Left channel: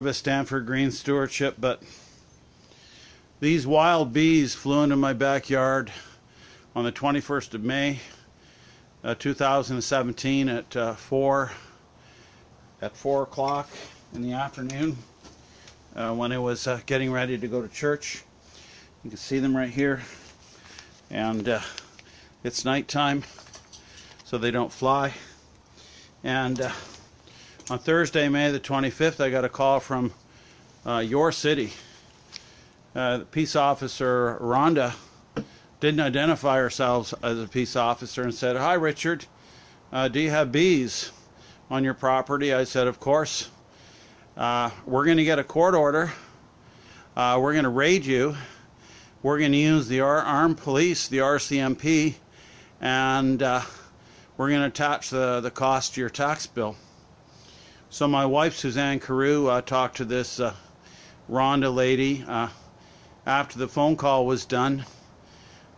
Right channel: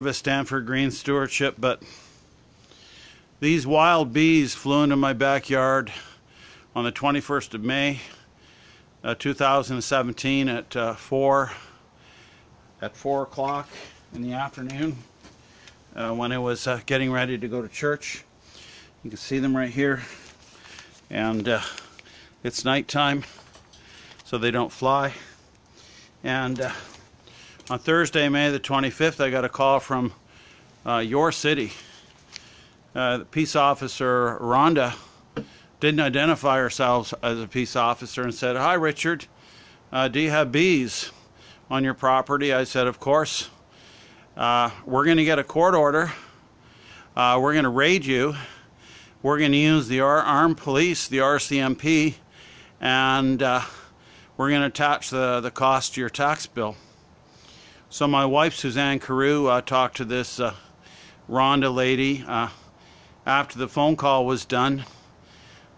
a Stanford Green Stewardship, but these wild bees flew into my backyard on the 21st of May 2017 at 4 o'clock in the afternoon when I was getting ready to go to church. You can see them right here, and it's nighttime so they don't fly. And on Thursday, May the 25th, I got a call from your city. The peace officer, Rhonda, didn't identify herself as a peace officer and said, "Hi, Richard, do you have bees on your property?" I said, "Of course. We're going to get a court order. We're going to raid you. We're going to use the armed police, the RCMP, and we're going to attach the cost to your tax bill." So my wife, Suzanne Carew, talked to this Rhonda lady. After the phone call was done,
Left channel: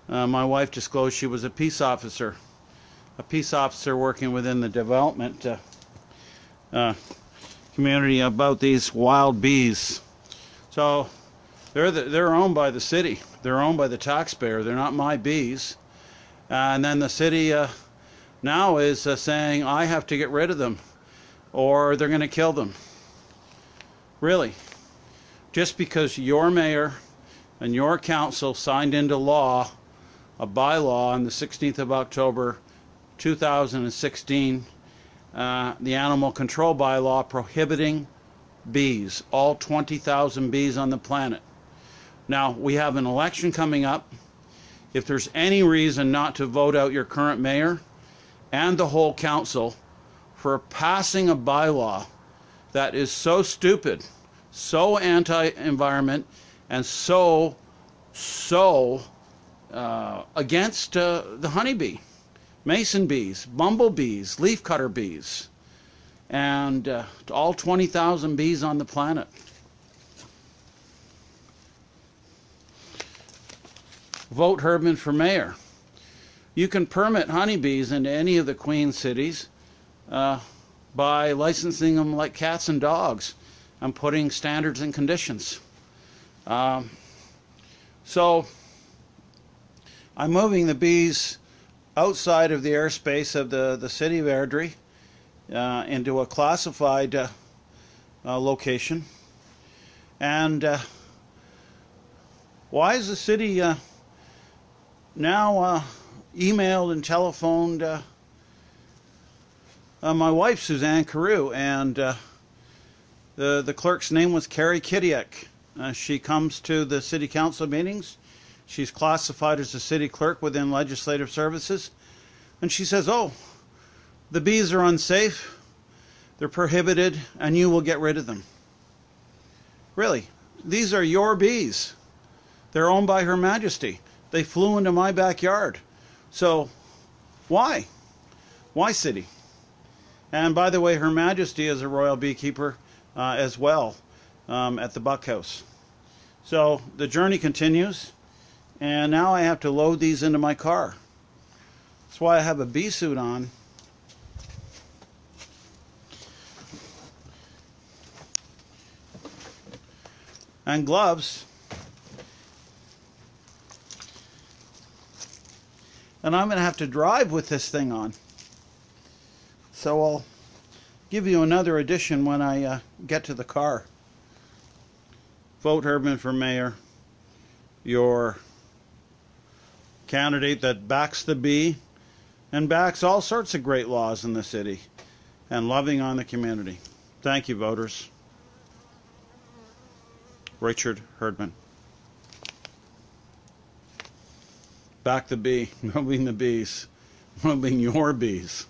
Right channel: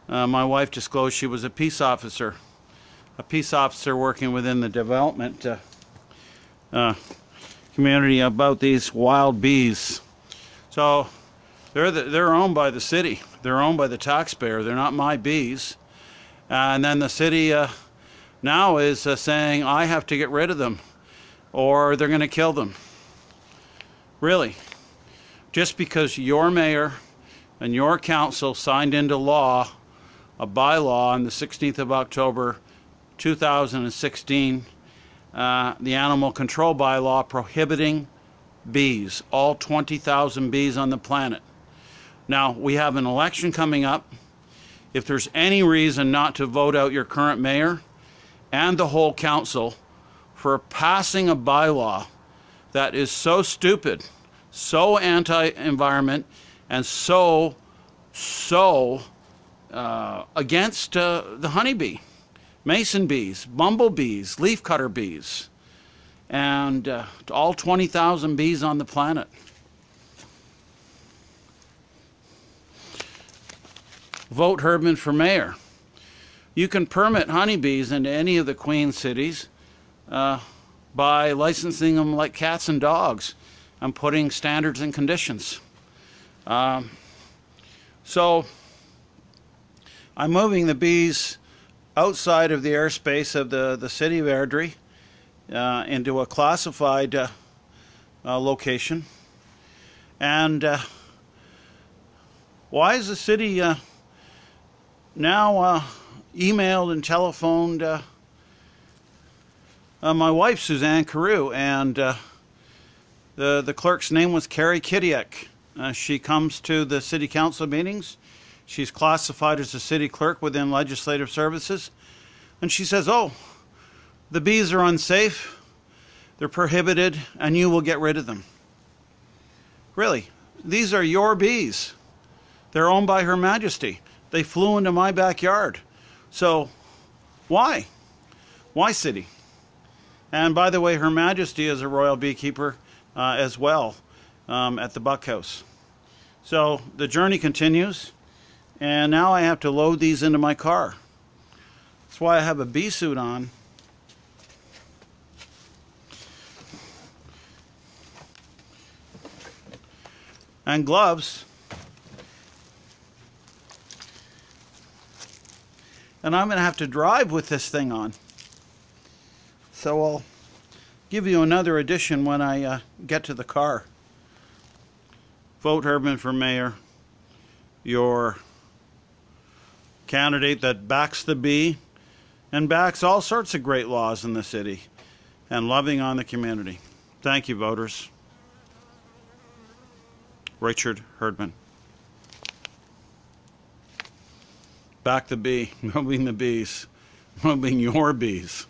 my wife disclosed she was a peace officer working within the development community about these wild bees. So they're owned by the city. They're owned by the taxpayer. They're not my bees. And then the city now is saying I have to get rid of them, or they're going to kill them. Really? Just because your mayor and your council signed into law a bylaw on the 16th of October 2016, the animal control bylaw prohibiting bees, all 20,000 bees on the planet. Now, we have an election coming up. If there's any reason not to vote out your current mayor and the whole council for passing a bylaw that is so stupid, so anti-environment, and so against the honeybee, mason bees, bumblebees, leafcutter bees, and all 20,000 bees on the planet. Vote Herdman for mayor. You can permit honeybees into any of the Queen cities by licensing them like cats and dogs and putting standards and conditions. So I'm moving the bees outside of the airspace of the city of Airdrie into a classified location. And why is the city now emailed and telephoned my wife, Suzanne Carew, and the clerk's name was Carrie Kidiak. She comes to the city council meetings. She's classified as a city clerk within legislative services. And she says, "Oh, the bees are unsafe, they're prohibited, and you will get rid of them." Really? These are your bees. They're owned by Her Majesty. They flew into my backyard. So why? Why city? And by the way, Her Majesty is a royal beekeeper as well at the Buck House. So the journey continues, and now I have to load these into my car. That's why I have a bee suit on. And gloves. And I'm going to have to drive with this thing on. So I'll give you another edition when I get to the car. Vote Herdman for mayor. Your candidate that backs the bee and backs all sorts of great laws in the city and loving on the community. Thank you, voters. Richard Herdman. Back the bee, moving the bees, moving your bees.